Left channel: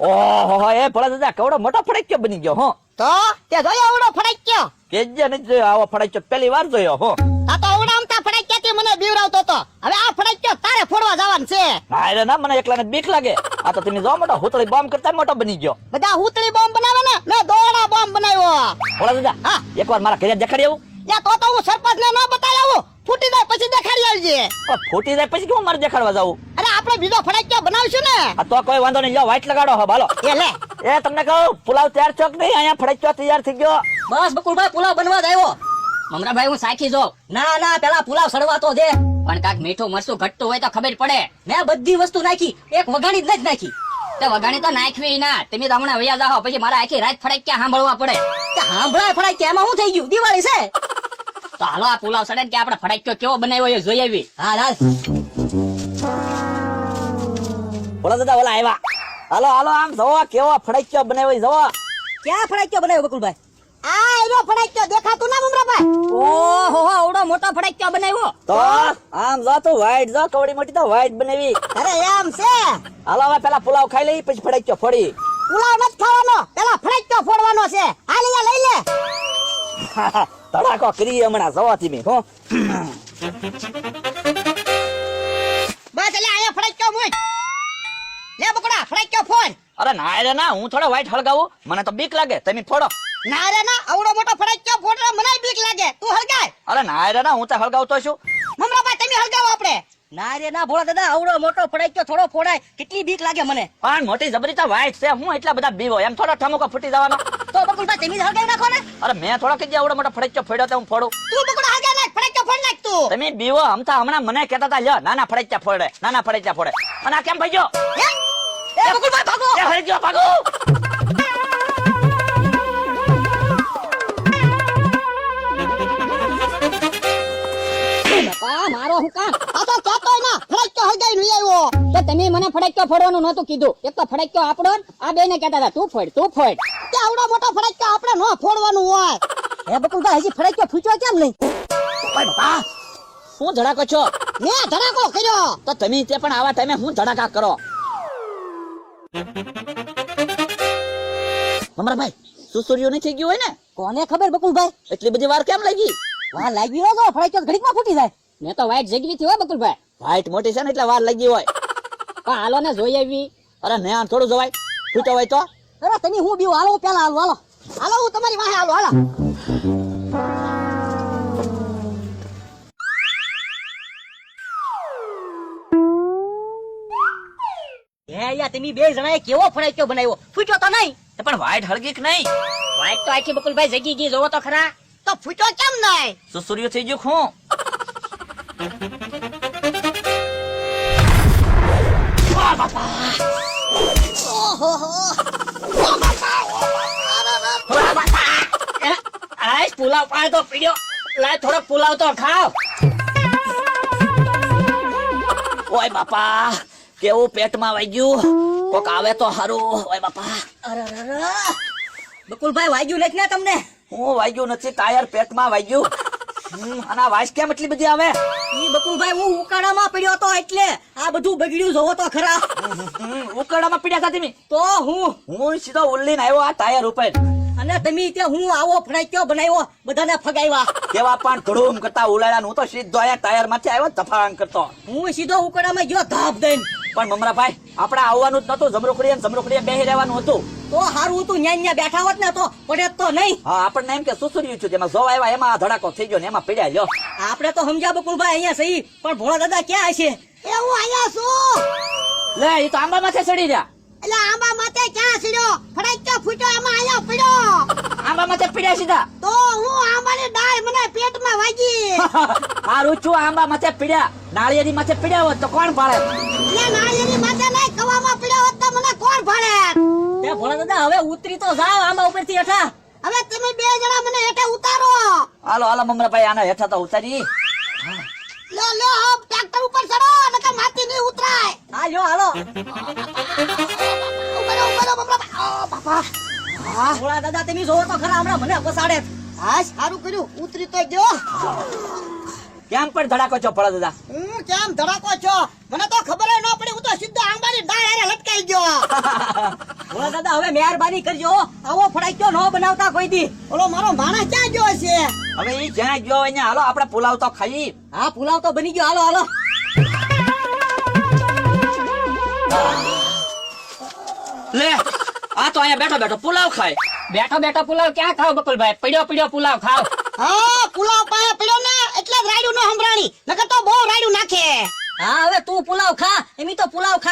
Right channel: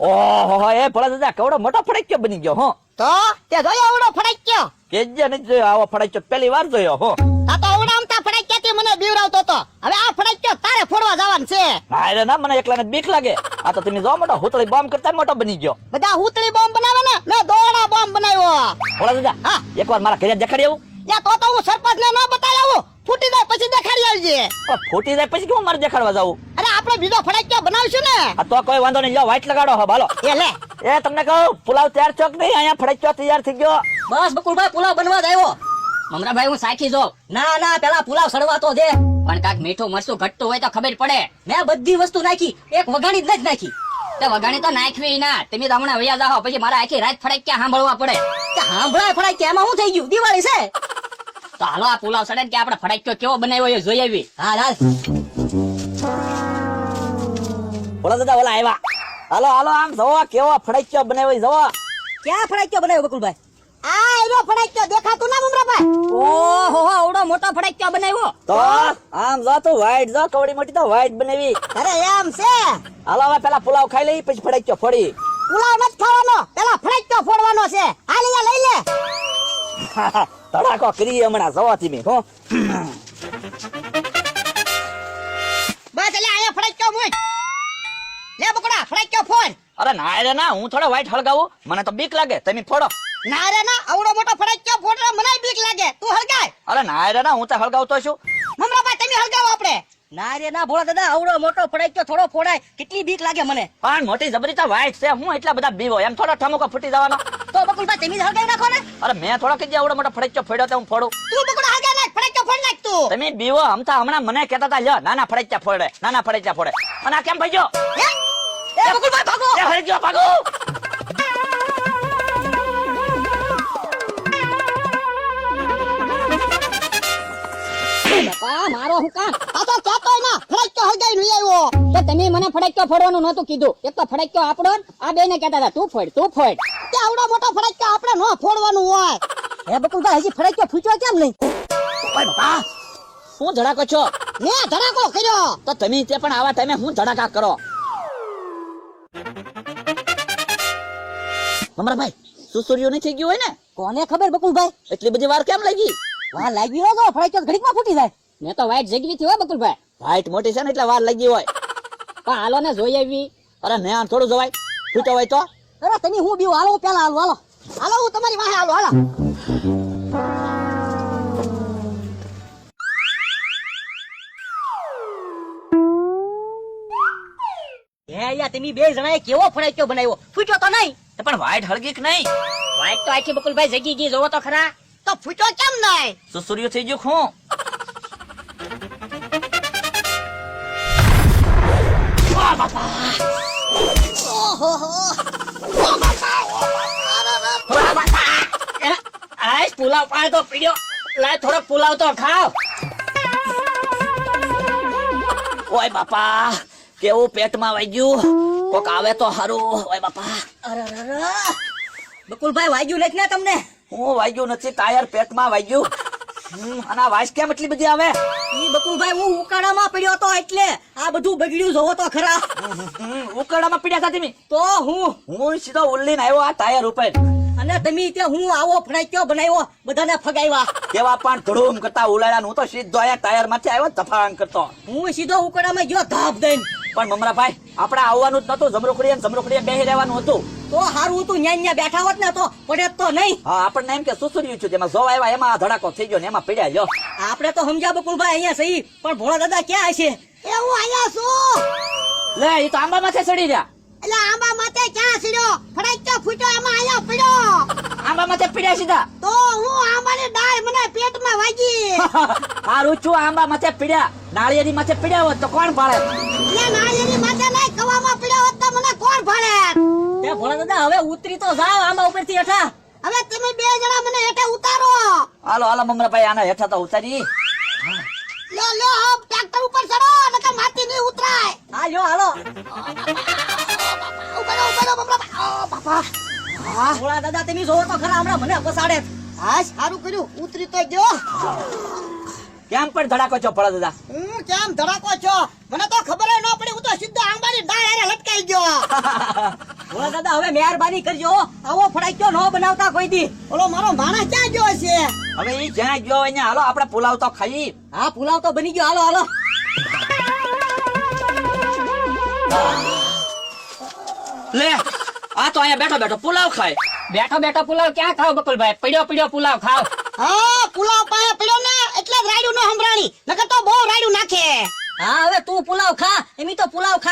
ઓહો એ ભલા દાદા કેવડો મોટો ફડાક્યો બની ગયો હો. તો તે જોયો આવડો ફડાક્યો? કેજે નથી જોયો આવો ફડાક્યો પહેલી વાર જોયો હો. આ તો આવડા આમતા ફડાક્યાથી મને બીવરાવતો તો. હવે આ ફડાક્યો તારે ફોડવા જવાનું છે. ના રે ના મને એકલાને બીક લાગે. આ તો તમે જો મોટો હોતળી બોમ્બ કરતા મોટો બની ગયો. બધા હુતળી બોમ્બ બનાવે ને મેં દોડા બોમ્બ બનાવ્યો. ભલા દાદા હા એકવાર મારા ઘરે દેખાડી આવું. યા તો હું સરપંચ ને ન બતાવ્યો. ફૂટી જાય પછી દેખાડી આવજે. ફૂટી જાય પછી કેમ મારી દેખાડવા જાવ? અને આપણે બીજો ફડાક્યો બનાવશું ને. આ તો કોઈ વાંધો નહીં લો વાઈટ લગાડો હા ભાલો. એ લે એ તમને કહું પુલાવ તૈયાર ચોક નહીં અહીંયા ફડાક્યો તૈયાર થઈ ગયો. બસ બકુલભાઈ પુલાવ બનવા આવ્યો. મમરાભાઈ હું સાખી જો. ના ના પેલા પુલાવ સડવાતો છે. પણ કાક મીઠું મરચું ઘટતું હોય તો ખબર પડે. મેં બધી વસ્તુ નાખી એક વગાડી જ નાખી. તો વગાણી તો નાખવી ના. તમે તો હમણાં વયા જાઓ પછી મારે આખી રાત ફડાક્યા સાંભળવા પડે. હા ભાઈ ફડાક્યો એમાં શું થઈ ગયું? દિવાળી છે. તો હાલો આ પુલાવ સડે કે આપણે ફડાક્યો કેવો બનાવ્યો એ જોઈ આવી. હા હાલ ભલા દાદા ઓલા આવ્યા. હાલો હાલો આમ જવો કેવો ફડાક્યો બનાવ્યો જવો. ક્યાં ફડાક્યો બનાવ્યો બકુલભાઈ? આ એનો ફડાક્યો દેખાતું ના મમરાભાઈ? ઓહો આવડો મોટો ફડાક્યો બનાવ્યો. તો આમ જો તો વાઈટ જો કવડી મોટી તો વાઈટ બનાવી. અરે એમ છે. હાલો હવે પેલા પુલાવ ખાઈ લઈ પછી ફડાક્યો ફોડી. પેલા ફડાક્યો ફોડવાનો છે. હાલ લઈ લે. તડાકો કરી હમણાં જવો તમે હો. અરે ના રે ના હું થોડા વાઈટ હળગાવું મને તો બીક લાગે તમે ફોડો. ના રે ના આવડો મોટો ફડાક્યો ફોડવા મને બીક લાગે. તું હળગાય. અરે ના રે ના હું તો હળગાવતો છું. મમરાભાઈ તમે હળગાવો આપણે. ના રે ના ભોળા દાદા આવડો મોટો ફડાક્યો થોડો ફોડાય કેટલી બીક લાગે મને. પણ મોટી જબરી તો વાઈટ છે હું એટલા બધા બીવો એમ થોડો ઠમકો ફૂટી જવાનો. તો બકુલભાઈ તમે હળગાવી નાખો ને. અરે મેં થોડો કીધી આવડો મોટો ફડાક્યો ફેડ્યો તો હું ફોડું. તું બકુડા હળગાવી નાખ ફડાક્યો ફોડ નાખ તું. તમે બીવો આમતા હમણાં મને કહેતા હતા લ્યો નાના ફડાક્યા ફોડે નાના ફડાક્યા ફોડે. અને આ કેમ ભાઈજો? એ બકુલભાઈ ભાગો. એ હળગ્યો ભાગો. મારો હું કામ આ તો ચાતો ના ફડાક્યો હળગાવી લઈ આવ્યો. તો તમે મને ફડાક્યો ફોડવાનું નહોતું કીધું. આવડો મોટો ફડાક્યો આપણે નો ફોડવાનું હોય. એ બકુલભાઈ હજી ફડાક્યો ફૂટ્યો કેમ નહીં? શું ધડાકો છો? મેં ધડાકો કર્યો. તો તમે તે પણ આવા ટાઈમે હું ધડાકા કરો? મમરાભાઈ સુસુરિયો નથી ગયો હોય ને? કોને ખબર બકુલભાઈ? એટલી બધી વાર કેમ લાગી? વા લાગી હોય તો ફડાક્યો ઘડીકમાં ફૂટી જાય. મેં તો વાઈટ જગી નથી હોય બકુલભાઈ. વાઈટ મોટી છે ને એટલે વાર લાગી હોય. પણ હાલો ને જોઈ આવી. અરે મેં આમ થોડું જોવાય ફૂટો હોય તો અરે તમે હું બીવ હાલો પેલા હાલો હાલો. હાલો હું તમારી વાહે હાલો હાલો. તમે બે જણાએ કેવો ફડાક્યો બનાવ્યો? ફૂટ્યો તો નહીં? પણ વાઈટ હળગી કે નહીં? વાઈટ તો આખી બકુલભાઈ જગી ગઈ જોવો તો ખરા. તો ફૂટ્યો કેમ નહીં? સુસુરિયો થઈ ગયો હું. પુલાવ પાય તો પીડ્યો. લાય થોડો પુલાવ તો ખાવ. ઓય બાપા કેવું પેટમાં વાગ્યું. કોક આવે તો હારું. ઓય બાપા બકુલભાઈ વાગ્યું નથી ને તમને? હું વાગ્યું નથી ટાયર પેટમાં વાગ્યું. આના વાઈસ કેમ એટલી બધી આવે? ઈ બકુલભાઈ હું ઉકાળામાં પડ્યો તો એટલે આ બધું બગડ્યું જોવો તો ખરા. ઉકળામાં પીડ્યા હતા તમે? તો હું સીધો ઉલ્લીને આવ્યો આ ટાયર ઉપર. અને તમે ત્યાં હું આવો ફડાક્યો બનાવ્યો બધાને ફગાવ્યા. કેવા પણ ધડૂમ કરતા ઉલાડા હું તો સીધો આયા ટાયર માંથી આવ્યો તફાન કરતો. હું સીધો ઉકાળામાં ગયો ધાપ દઈને. પણ મમરાભાઈ આપણે આવવાનું જ નતું. જમરૂખડીએ બેહી રહેવાનું હતું. તો હારું તું ન્યા બેઠા હોત ને તો પડે તો નહીં. હા આપણને એમ કે સુસુર્યું છે જેમાં જોવા આવ્યા એમાં આ ધડાકો થઈ ગયો ને એમાં પીડ્યા લ્યો. આપણે તો સમજ્યા બકુલભાઈ અહીંયા સહી પણ ભોળા દાદા ક્યાં છે? એ હું અહીંયા છું. લે એ તો આંબા માથે ચડી રહ્યા. એટલે આંબા માથે ક્યાં સીડ્યો? ફડાક્યો ફૂટ્યો એમાં અહીંયા પડ્યો. આંબા માથે પીડ્યા સીધા. તો હું આંબાની ડાળ મને પેટમાં વાગી. હારું છું આંબા માથે પીડ્યા. નાળિયેરી માથે પીડ્યા હોત તો કોણ પાડે? નાળિયેરી માથે નહીં કવામાં પડ્યો હોત તો મને કોણ પાડે? એ ભોળા દાદા હવે ઉતરી તો જાવ આમાં ઉપરથી હેઠા. હવે તમે બે જણા મને હેઠે ઉતારો. હાલો હાલો મમરાભાઈ આના હેઠા તો ઉતારી. લો લો ટ્રેક્ટર ઉપર ચડો નકર માથી નહીં ઉતરાય. હાલો હાલો. ઉભરો બાપા. ભોળા દાદા તમે જોવો તો ખરા હમણાં મને પસાડે. હા સારું કર્યું ઉતરી તો જો. કેમ પણ ધડાકો છો ભોળા દાદા? કેમ ધડાકો છો? મને તો ખબર ન પડી હું તો સીધો આંબાની ડાળ લટકાઈ ગયો. ભોળા દાદા હવે મહેરબાની કરજો આવો ફરાક્યો ન બનાવતા કોઈ દી ઓલો મારો માણસ ક્યાં ગયો છે હવે ઈ જ્યાં ગયો હોય ને હાલો આપણે પુલાવ તો ખાઈ. હા પુલાવ તો બની ગયો હાલો હાલો લે આ તો અહીંયા બેઠો બેઠો પુલાવ ખાય. બેઠો બેઠો પુલાવ ક્યાં ખાવ બકલભાઈ? પડ્યો પડ્યો પુલાવ ખાવ. હા પુલાવ પાયા પડ્યો ને એટલે રાયડું ના સંભાળી નકર તો બહુ રાયડું નાખીએ હા હવે તું પુલાવ ખા, એમી તો પુલાવ ખા.